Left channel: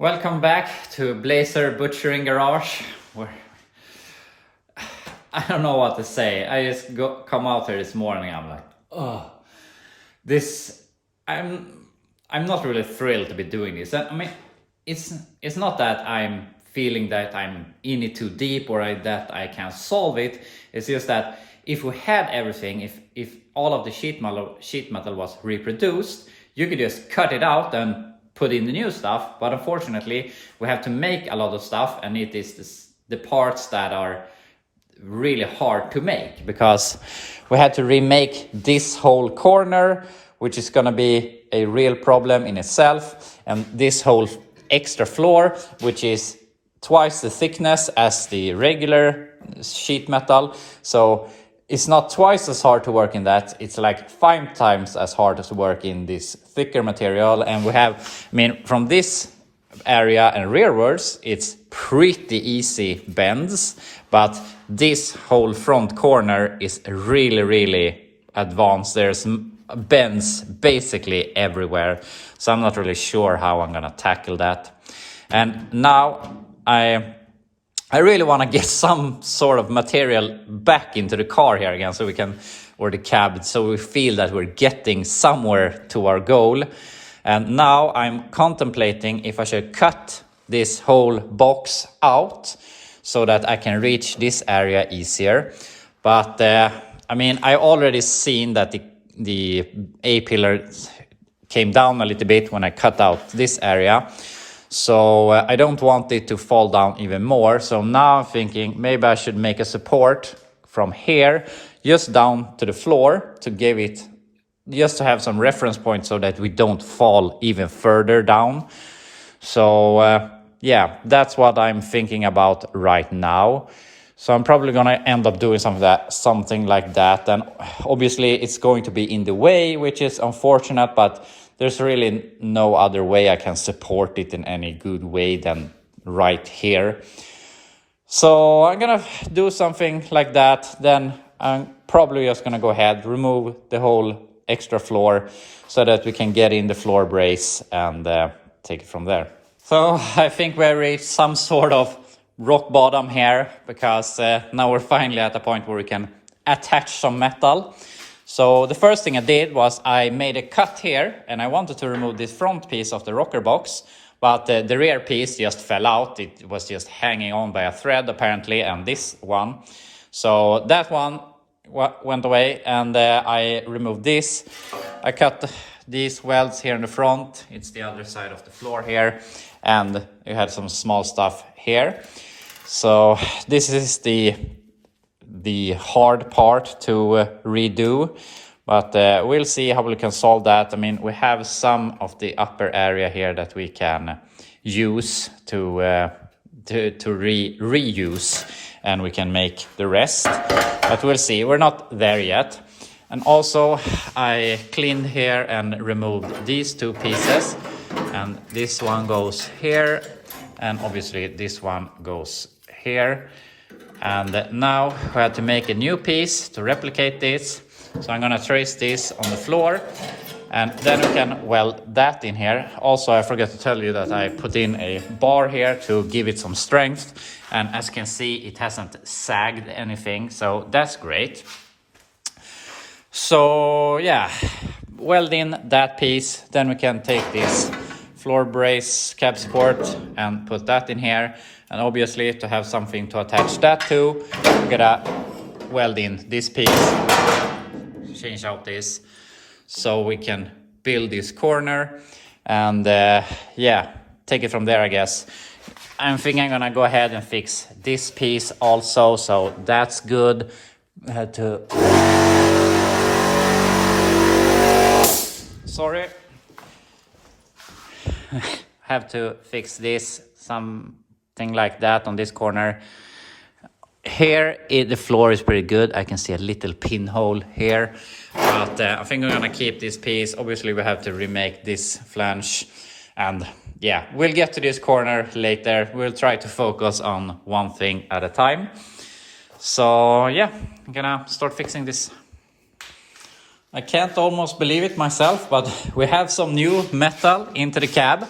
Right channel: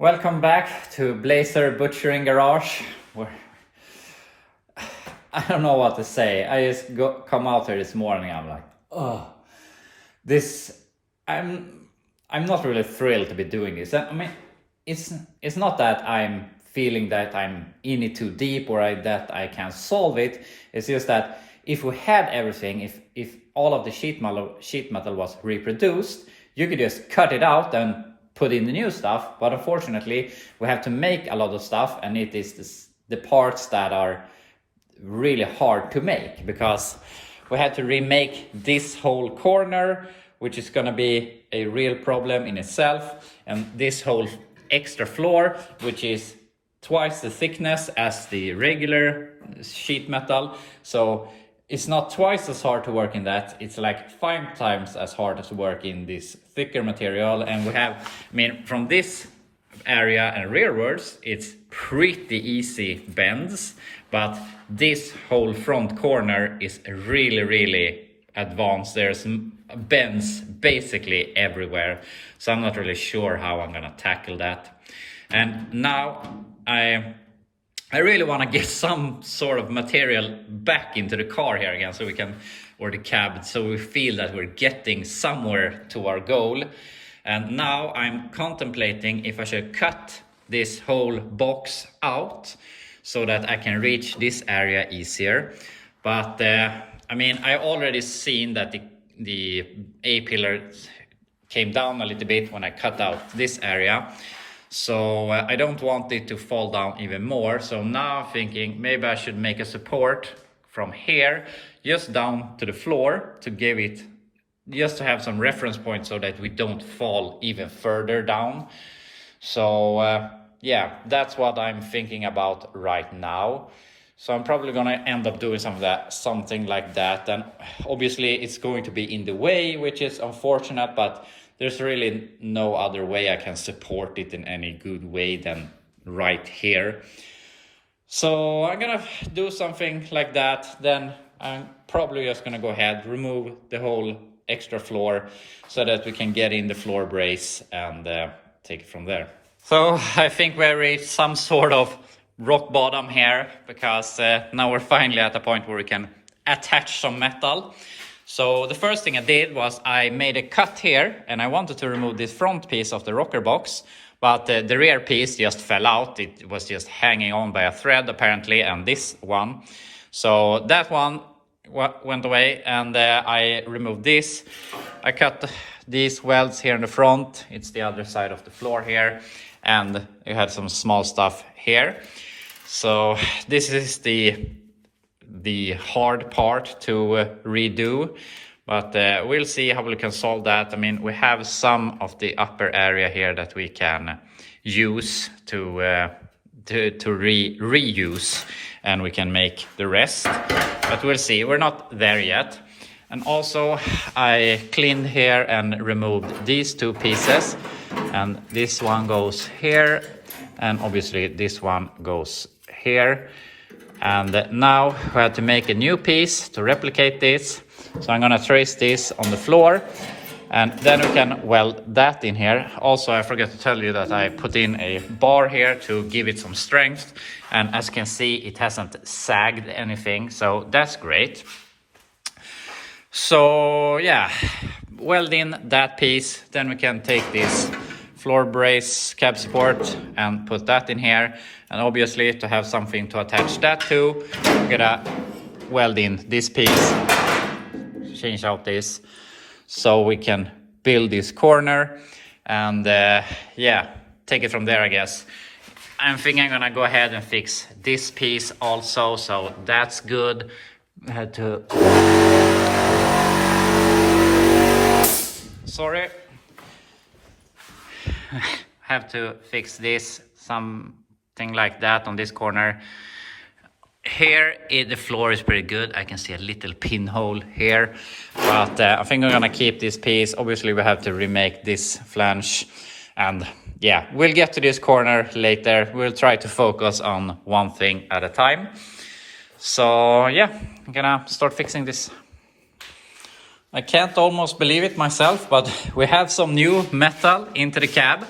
Welcome back to Blazer Butchering Garage. I don't know what to say. I just come out here this morning. I'm like, oh, this. I'm not really thrilled to be doing this. I mean, it's not that I'm feeling that I'm in it too deep or that I can solve it. It's just that if we had everything, if all of the sheet metal was reproduced, you could just cut it out and put in the new stuff. But unfortunately, we have to make a lot of stuff, and it is the parts that are really hard to make, because we had to remake this whole corner, which is going to be a real problem in itself, and this whole extra floor, which is twice the thickness as the regular sheet metal. So it's not twice as hard to work in that, it's like 5 times as hard as to work in this thicker material. And we have, I mean, from this area and rearwards, it's pretty easy bends, but this whole front corner is really advanced. There's bends basically everywhere, so I'm not really sure how I'm gonna tackle that. And now I really want to get some sort of material back into the car here again, so we can, or the cab, so we feel that we're getting somewhere to our goal. And now I'm contemplating if I should cut this whole box out so that I can reach this area easier. But I mean, I already seen that the A-pillar came down a little bit when I cut out this area. So I don't want it to fall down even more. So now I'm thinking maybe I should make a support from here just down to the floor to give it, just to have some reference point so that we don't fall even further down. So yeah, that's what I'm thinking about right now. So I'm probably gonna end up doing something like that. And obviously it's going to be in the way, which is unfortunate, but there's really no other way I can support it in any good way than right here. So I'm gonna do something like that. Then I'm probably just gonna go ahead, remove the whole extra floor so that we can get in the floor brace and take it from there. So I think we reached some sort of rock bottom here, because now we're finally at a point where we can attach some metal. So the first thing I did was I made a cut here, and I wanted to remove this front piece of the rocker box, but the rear piece just fell out. It was just hanging on by a thread apparently, and this one. So that one went away, and I removed this. I cut these welds here in the front. It's the other side of the floor here, and it had some small stuff here. So this is the hard part to redo, but we'll see how we can solve that. I mean, we have some of the upper area here that we can use to reuse, and we can make the rest, but we'll see. We're not there yet. And also I cleaned here and removed these 2 pieces, and this one goes here, and obviously this one goes here. And now we have to make a new piece to replicate this. So I'm gonna trace this on the floor, and then we can weld that in here. Also, I forgot to tell you that I put in a bar here to give it some strength. And as you can see, it hasn't sagged anything, so that's great. So yeah, weld in that piece. Then we can take this floor brace cab support and put that in here. And obviously, to have something to attach that to, we're gonna weld in this piece, change out this, so we can build this corner, and yeah, take it from there, I guess. I'm thinking I'm gonna go ahead and fix this piece also, so that's good. I had to... Sorry. Have to fix this, something like that on this corner. Here, the floor is pretty good. I can see a little pinhole here, but I think I'm gonna keep this piece. Obviously, we have to remake this flange, and yeah, we'll get to this corner later. We'll try to focus on one thing at a time. So yeah, I'm gonna start fixing this. I can't almost believe it myself, but we have some new metal into the cab.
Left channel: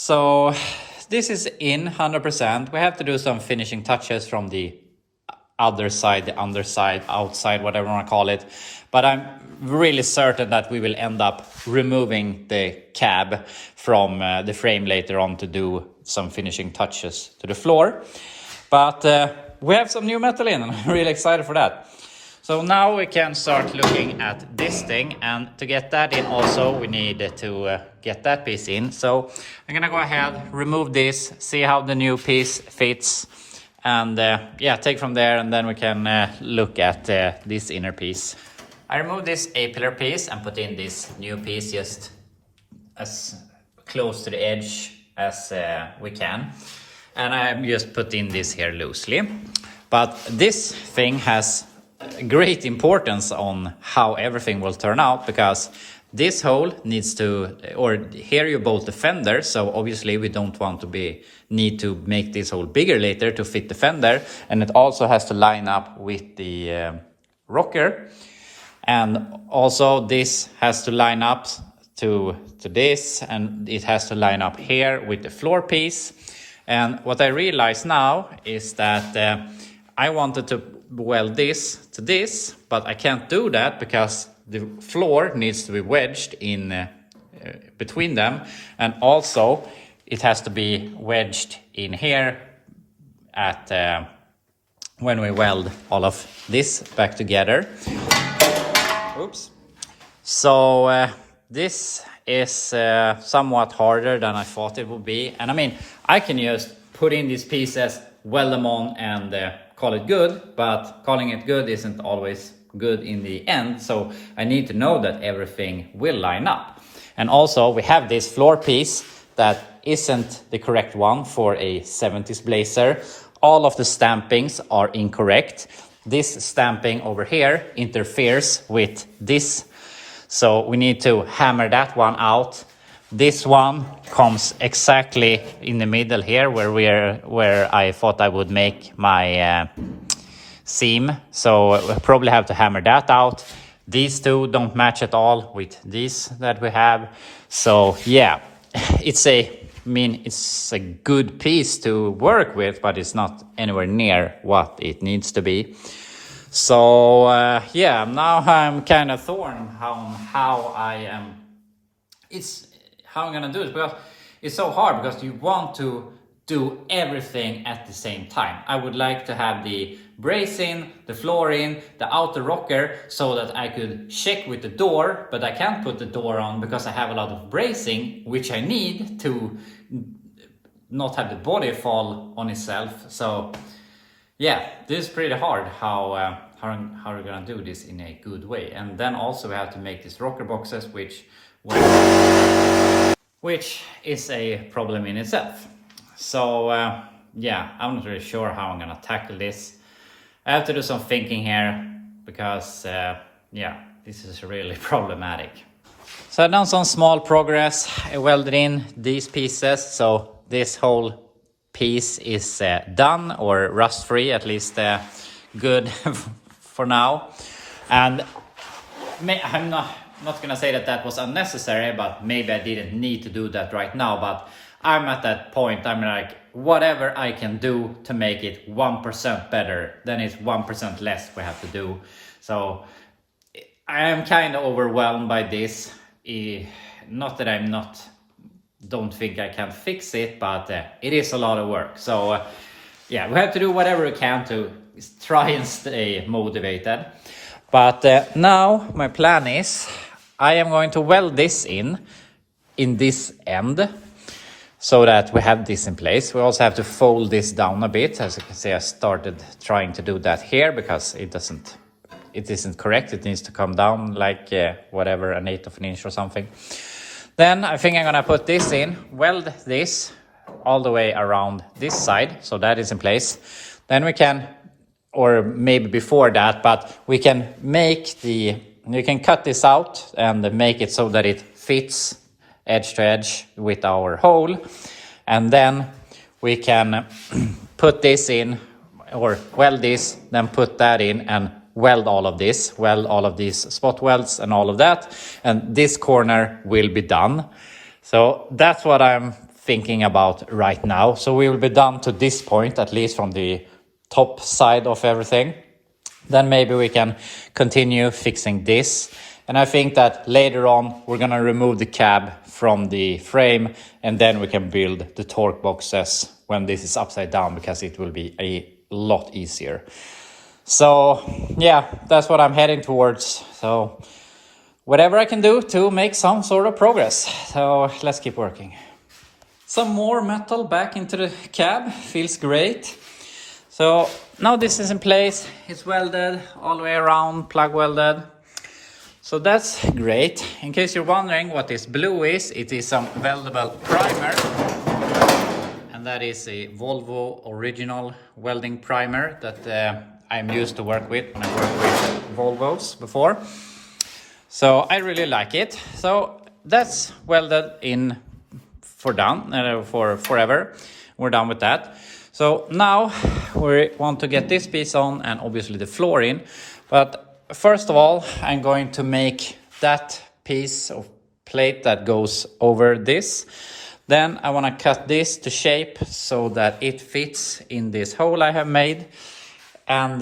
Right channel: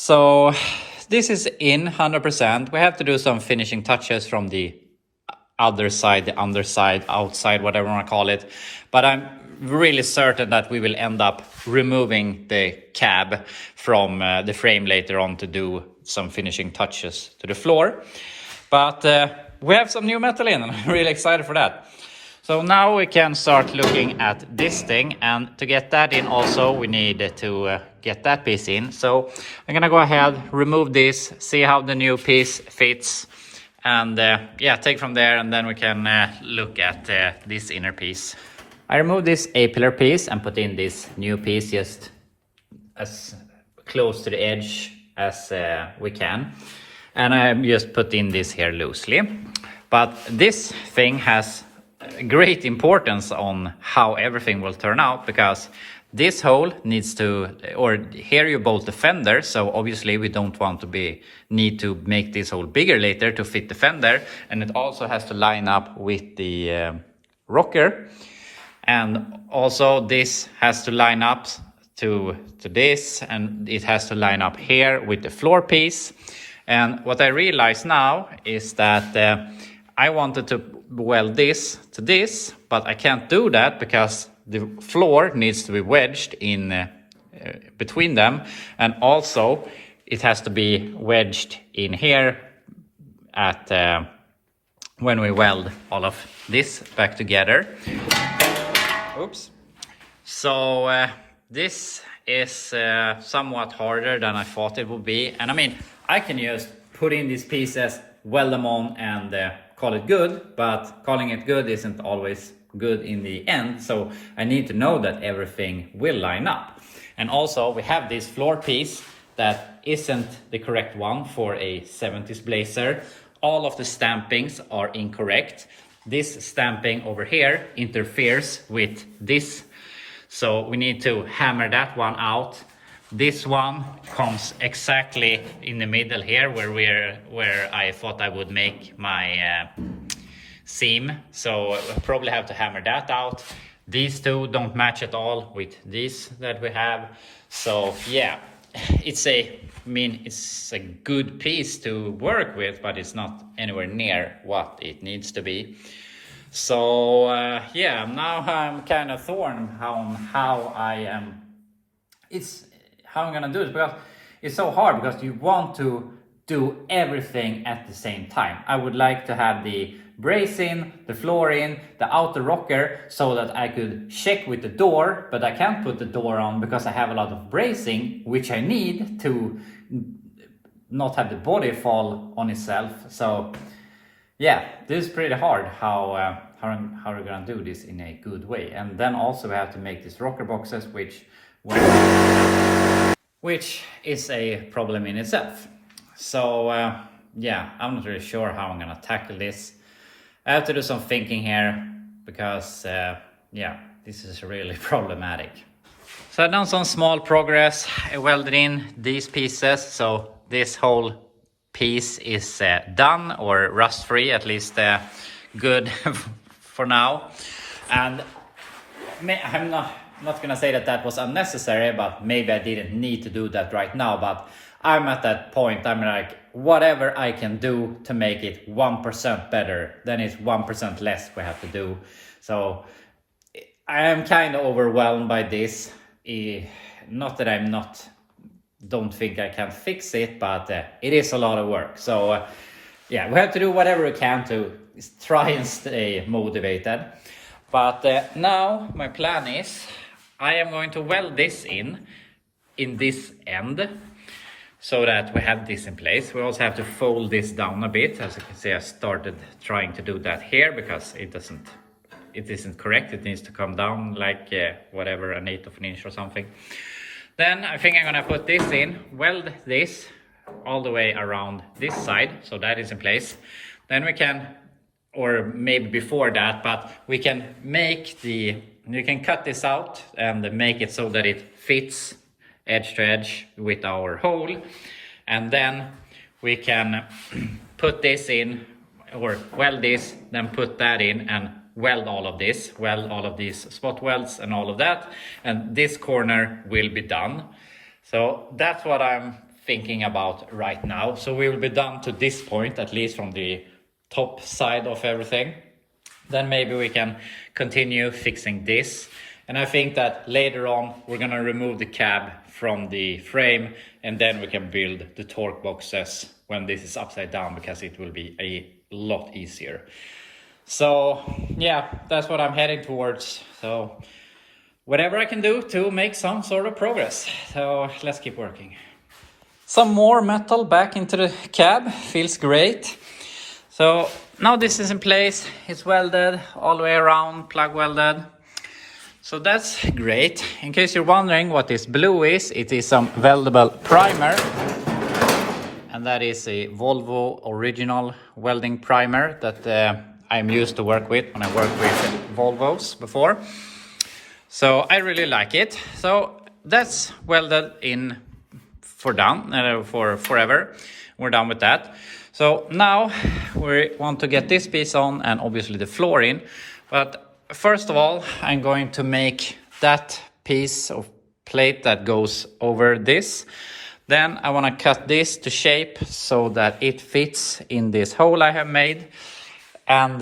So this is in 100%. We have to do some finishing touches from the other side, the underside, outside, whatever you want to call it. But I'm really certain that we will end up removing the cab from the frame later on to do some finishing touches to the floor. But we have some new metal in and I'm really excited for that. So now we can start looking at this thing, and to get that in also we need to get that piece in. So I'm gonna go ahead, remove this, see how the new piece fits, and yeah, take from there, and then we can look at this inner piece. I removed this A-pillar piece and put in this new piece just as close to the edge as we can. And I just put in this here loosely. But this thing has great importance on how everything will turn out, because this hole needs to, or here you bolt the fender, so obviously we don't want to need to make this hole bigger later to fit the fender, and it also has to line up with the rocker, and also this has to line up to this, and it has to line up here with the floor piece. And what I realize now is that I wanted to weld this to this, but I can't do that because the floor needs to be wedged in between them, and also it has to be wedged in here at when we weld all of this back together. Oops. So this is somewhat harder than I thought it would be, and I mean, I can just put in these pieces, weld them on, and call it good, but calling it good isn't always good in the end, so I need to know that everything will line up. And also we have this floor piece that isn't the correct one for a 70s blazer. All of the stampings are incorrect. This stamping over here interferes with this, so we need to hammer that one out. This one comes exactly in the middle here where I thought I would make my seam, so I probably have to hammer that out. These two don't match at all with these that we have. So yeah, it's a good piece to work with, but it's not anywhere near what it needs to be. So yeah, now I'm kind of torn on how I'm gonna do it, because it's so hard, because you want to do everything at the same time. I would like to have the brace in, the floor in, the outer rocker, so that I could check with the door, but I can't put the door on because I have a lot of bracing, which I need to not have the body fall on itself. So yeah, this is pretty hard how we're gonna do this in a good way. And then also we have to make these rocker boxes, which is a problem in itself. So yeah, I'm not really sure how I'm gonna tackle this. I have to do some thinking here, because yeah, this is really problematic. So I've done some small progress. I welded in these pieces, so this whole piece is done, or rust free, at least good for now. And I'm not gonna say that was unnecessary, but maybe I didn't need to do that right now. But I'm at that point, I'm like, whatever I can do to make it 1% better, then it's 1% less we have to do. So I am kind of overwhelmed by this. Not that don't think I can fix it, but it is a lot of work. So yeah, we have to do whatever we can to try and stay motivated. But now my plan is I am going to weld this in this end, so that we have this in place. We also have to fold this down a bit. As you can see, I started trying to do that here because it isn't correct. It needs to come down like whatever, 1/8 of an inch or something. Then I think I'm gonna put this in, weld this all the way around this side, so that is in place. Then we can, or maybe before that, but we can you can cut this out and make it so that it fits edge to edge with our hole. And then we can put this in, or weld this, then put that in and weld all of these spot welds and all of that. And this corner will be done. So that's what I'm thinking about right now. So we will be done to this point, at least from the top side of everything. Then maybe we can continue fixing this. And I think that later on we're gonna remove the cab from the frame, and then we can build the torque boxes when this is upside down, because it will be a lot easier. So yeah, that's what I'm heading towards. So whatever I can do to make some sort of progress. So let's keep working. Some more metal back into the cab, feels great. So now this is in place, it's welded all the way around, plug welded. So that's great. In case you're wondering what this blue is, it is some weldable primer. And that is a Volvo original welding primer that I'm used to work with when I worked with Volvos before. So I really like it. So that's welded in for forever. We're done with that. So now we want to get this piece on and obviously the floor in. But first of all, I'm going to make that piece of plate that goes over this. Then I want to cut this to shape so that it fits in this hole I have made. And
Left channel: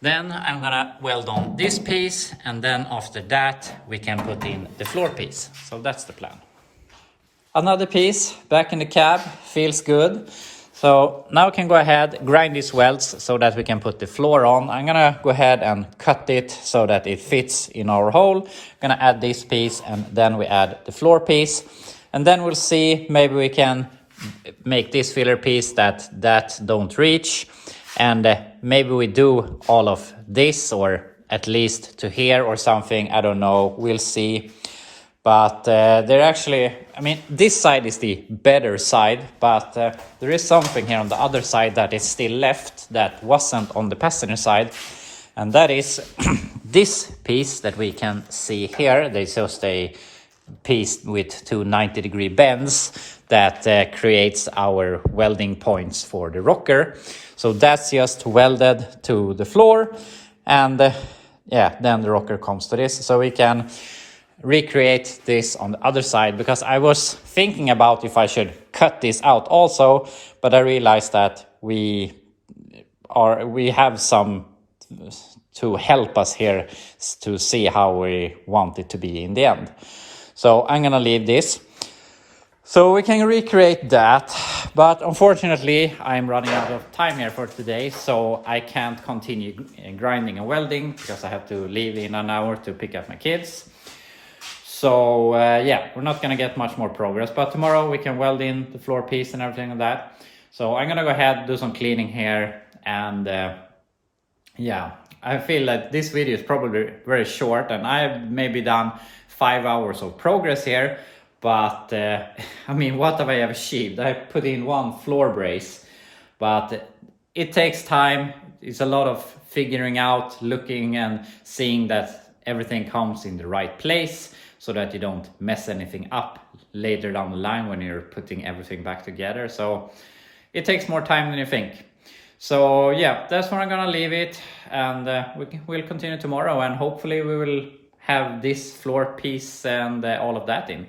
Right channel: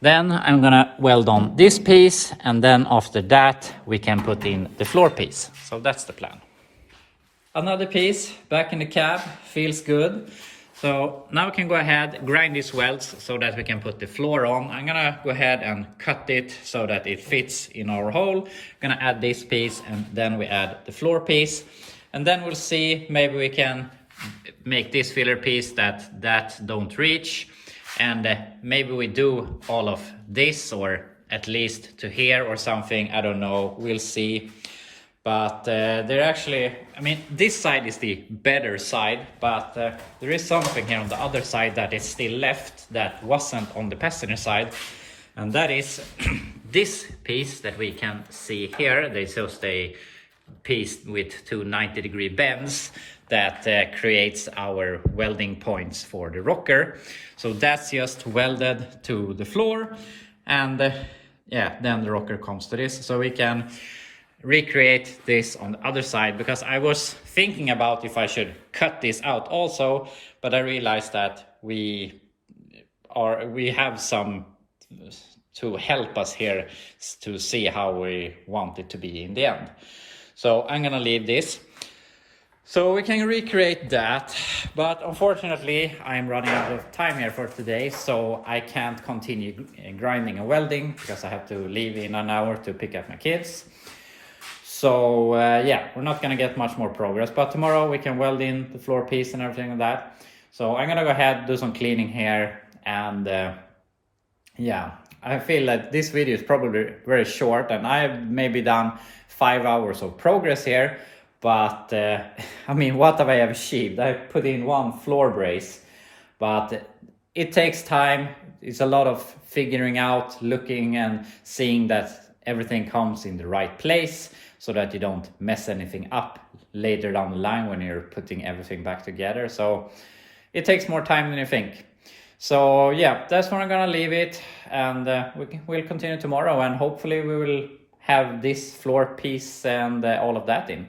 then I'm gonna weld on this piece, and then after that we can put in the floor piece. So that's the plan. Another piece back in the cab, feels good. So now we can go ahead, grind these welds so that we can put the floor on. I'm gonna go ahead and cut it so that it fits in our hole. I'm gonna add this piece, and then we add the floor piece. And then we'll see, maybe we can make this filler piece that don't reach. And maybe we do all of this, or at least to here or something, I don't know, we'll see. But they're actually, I mean, this side is the better side, but there is something here on the other side that is still left that wasn't on the passenger side. And that is this piece that we can see here. There's just a piece with two 90-degree bends that creates our welding points for the rocker. So that's just welded to the floor, and yeah, then the rocker comes to this. So we can recreate this on the other side, because I was thinking about if I should cut this out also, but I realized that we have some to help us here to see how we want it to be in the end. So I'm gonna leave this. So we can recreate that, but unfortunately I'm running out of time here for today, so I can't continue grinding and welding because I have to leave in an hour to pick up my kids. So yeah, we're not gonna get much more progress, but tomorrow we can weld in the floor piece and everything like that. So I'm gonna go ahead, do some cleaning here, and yeah, I feel that this video is probably very short, and I've maybe done 5 hours of progress here. But I mean, what have I achieved? I put in one floor brace, but it takes time. It's a lot of figuring out, looking and seeing that everything comes in the right place so that you don't mess anything up later down the line when you're putting everything back together. So it takes more time than you think. So yeah, that's where I'm gonna leave it, and we'll continue tomorrow, and hopefully we will have this floor piece and all of that in.